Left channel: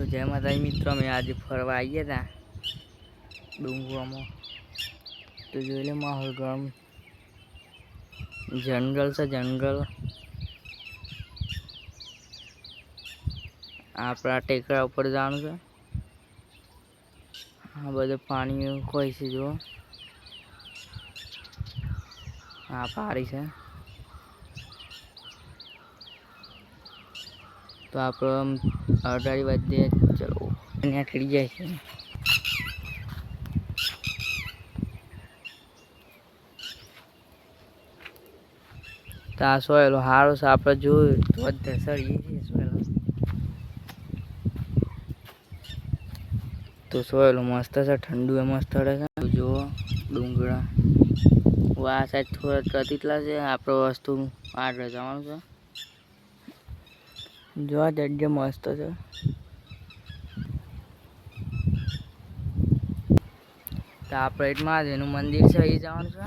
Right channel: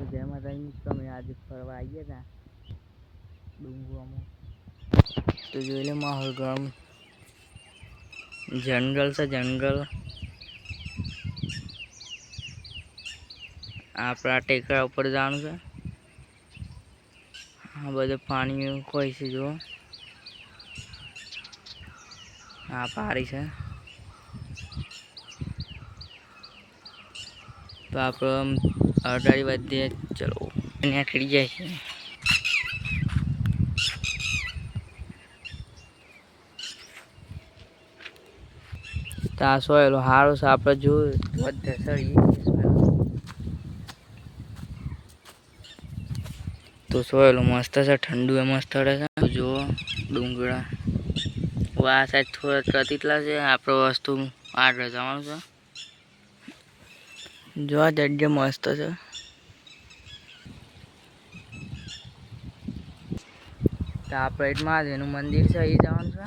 તો જય માતાજી મિત્રો, અમે આજે ફરવા આવીએ હતા ડુંગરોમાં. તો જોઈ લે માહોલ ગરમ, જંગલ છે જંગલ. આપણા ટેકરા ઉપર જવાનું છે. આ બધું પાણી કોઈ છે જો. આ પારી છે. તો આપણે અડાડી વધીએ, ચલો નીકળી જાય છે. તો આ સોયલો સારો છે, આપણે જોયું તો વધે સળીએ તો સોયલો મસ્ત છે, ઠંડુ એ મસ્ત રહે છે. જુઓ ડુંગળા આ સાઈડ થોડા રતીતલા છે. આપણે વસ્તુ આગળ જવાનું છે. જો આ જગ્યા મસ્ત છે. તો આપણે એક મહાદેવનું મંદિર છે, એ જવાનું છે.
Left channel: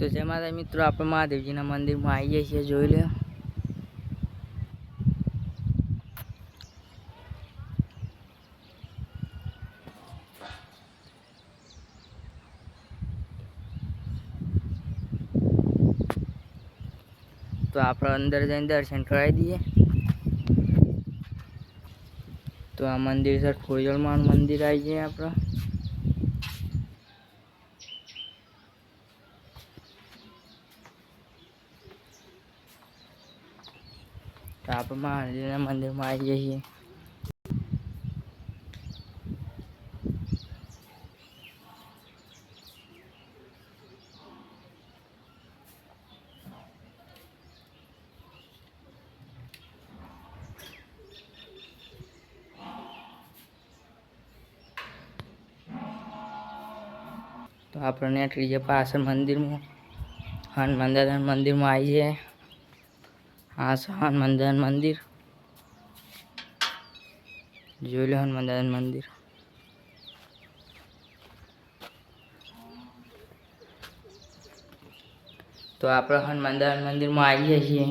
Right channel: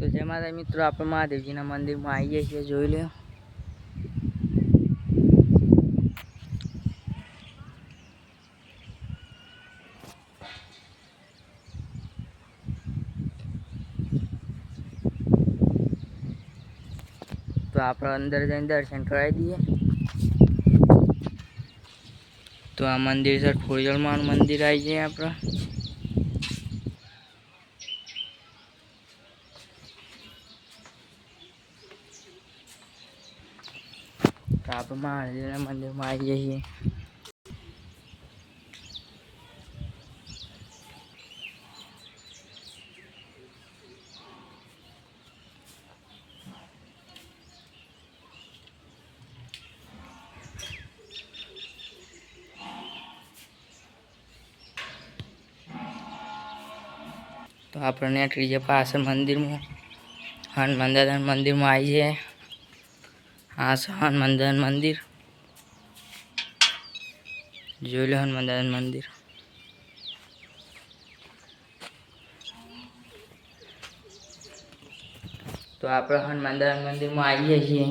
તો જય માતા મિત્રો, આપણે મહાદેવજીના મંદિરમાં આવીએ છીએ. જોઈ લો તો આપણે અંદર જઈને દર્શન કરાવી દઈએ. તો આ મંદિર છે, ખોડિયારમાંનું મંદિર આવી જાય આપણે. તો આપણે મહાદેવના મંદિરમાં આવી જઈએ. તો આપણે નીકળી જઈએ પાછળ મંદિરમાં. હનુમાન દાદાના મંદિરમાં આવી જાય. આ છે હનુમાન દાદાનું મંદિર. જોઈ લો હનુમાન દાદાનું મંદિર. તો આપણે હનુમાન દાદાના મંદિરમાં આવીએ છીએ.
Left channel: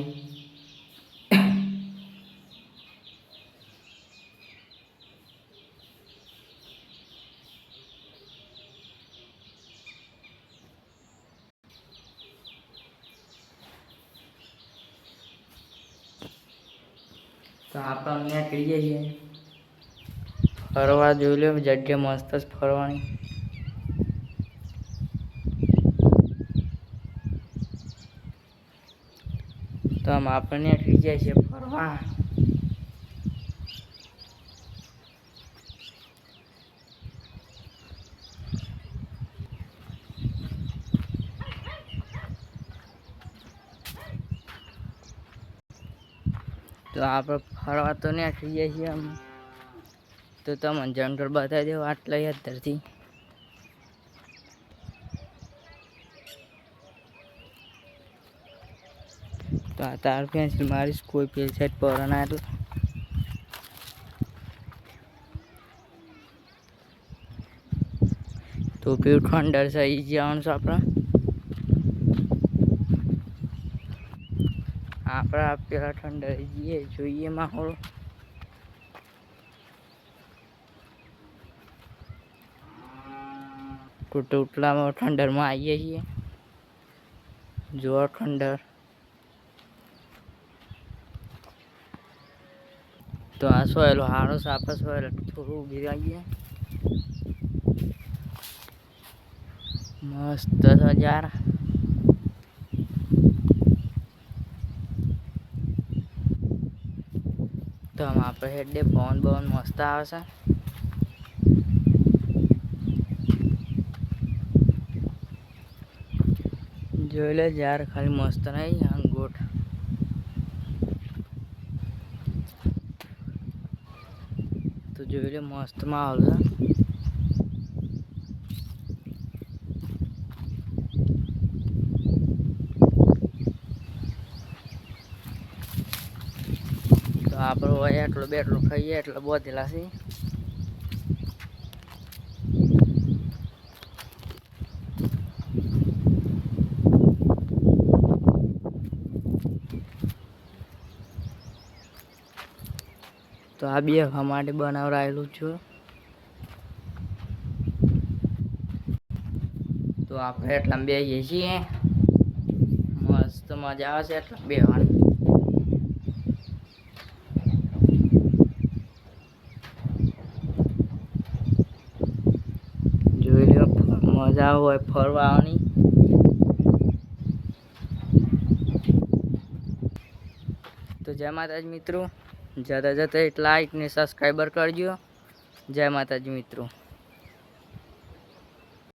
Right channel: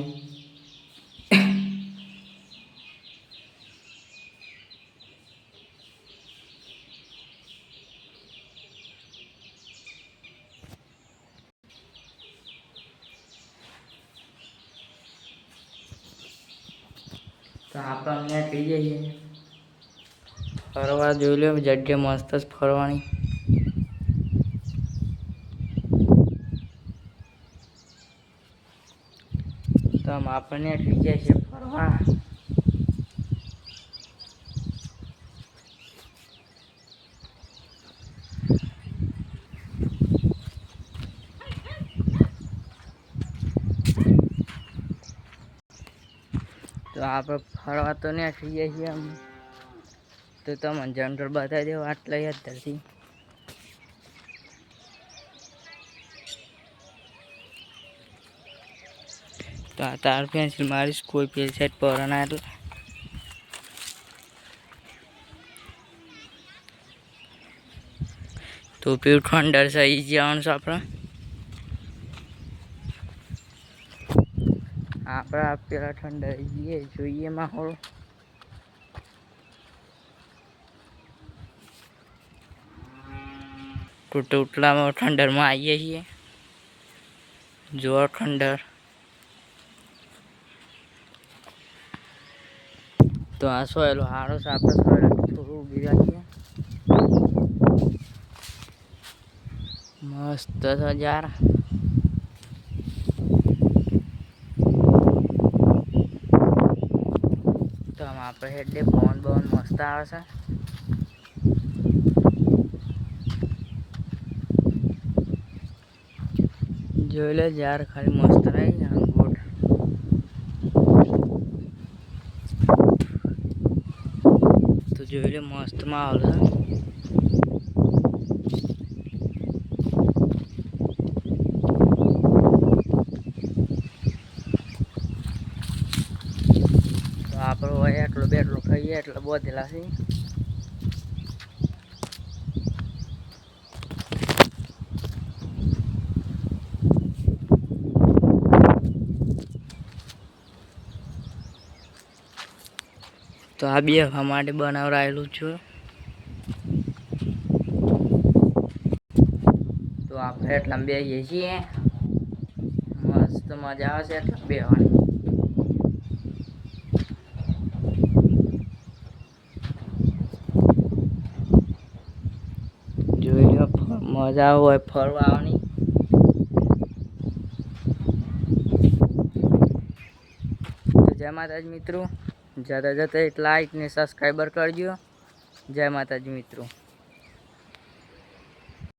તો આપણે નીકળી જઈએ ફરવા. જોઈ લો જગ્યા મસ્ત જ ફરવાની. તો આમ આપણે નીકળી જાય છે ફરવા. તો આપણે ફરવા તો નીકળી જાય છીએ અમે. તો તમને જંગલ બતાવી દેવું આટલા યાદથી. તો આ તાર પેન્સિલ મારીશ કોઈ પેલી સાઈડ પર ના એટલે. તો પેલું ઠંડર છે એ જવાનું છે આપણે. આપણે પેલા ઠંડર જઈએ, જોઈએ માહોલ. ટોટલામાં ઠંડરમાં આવીએ છીએ. જો ઠંડર. તો આ સોયલો હારો છે, આપણે સોયલો થોડું ઊભી રાખીએ. મસ્ત છે યાર. તો આપણે હેડે પવન બવન મસ્ત આવે છે. જોઈ લે યાર, ખાલી મસ્ત નહીં ગોટ. જોઈ લે મસ્ત માહોલ છે. તો આપણે હોય એટલો બેટલો ખાઈએ એટલે બોધેલા છે. તો આ બેહવા માટે બનાવરાયેલું છે. તો આપણે એટલા બેસીએ છીએ, મસ્ત મજા આવે છે એટલા બેહવાની. જોઈ લો મજા હોય ફરવાની. તો જય માતાજી મિત્રો, જતા જતા એક લાઈક ને સબસ્ક્રાઈબર કરજો. જય માતાજી મિત્રો.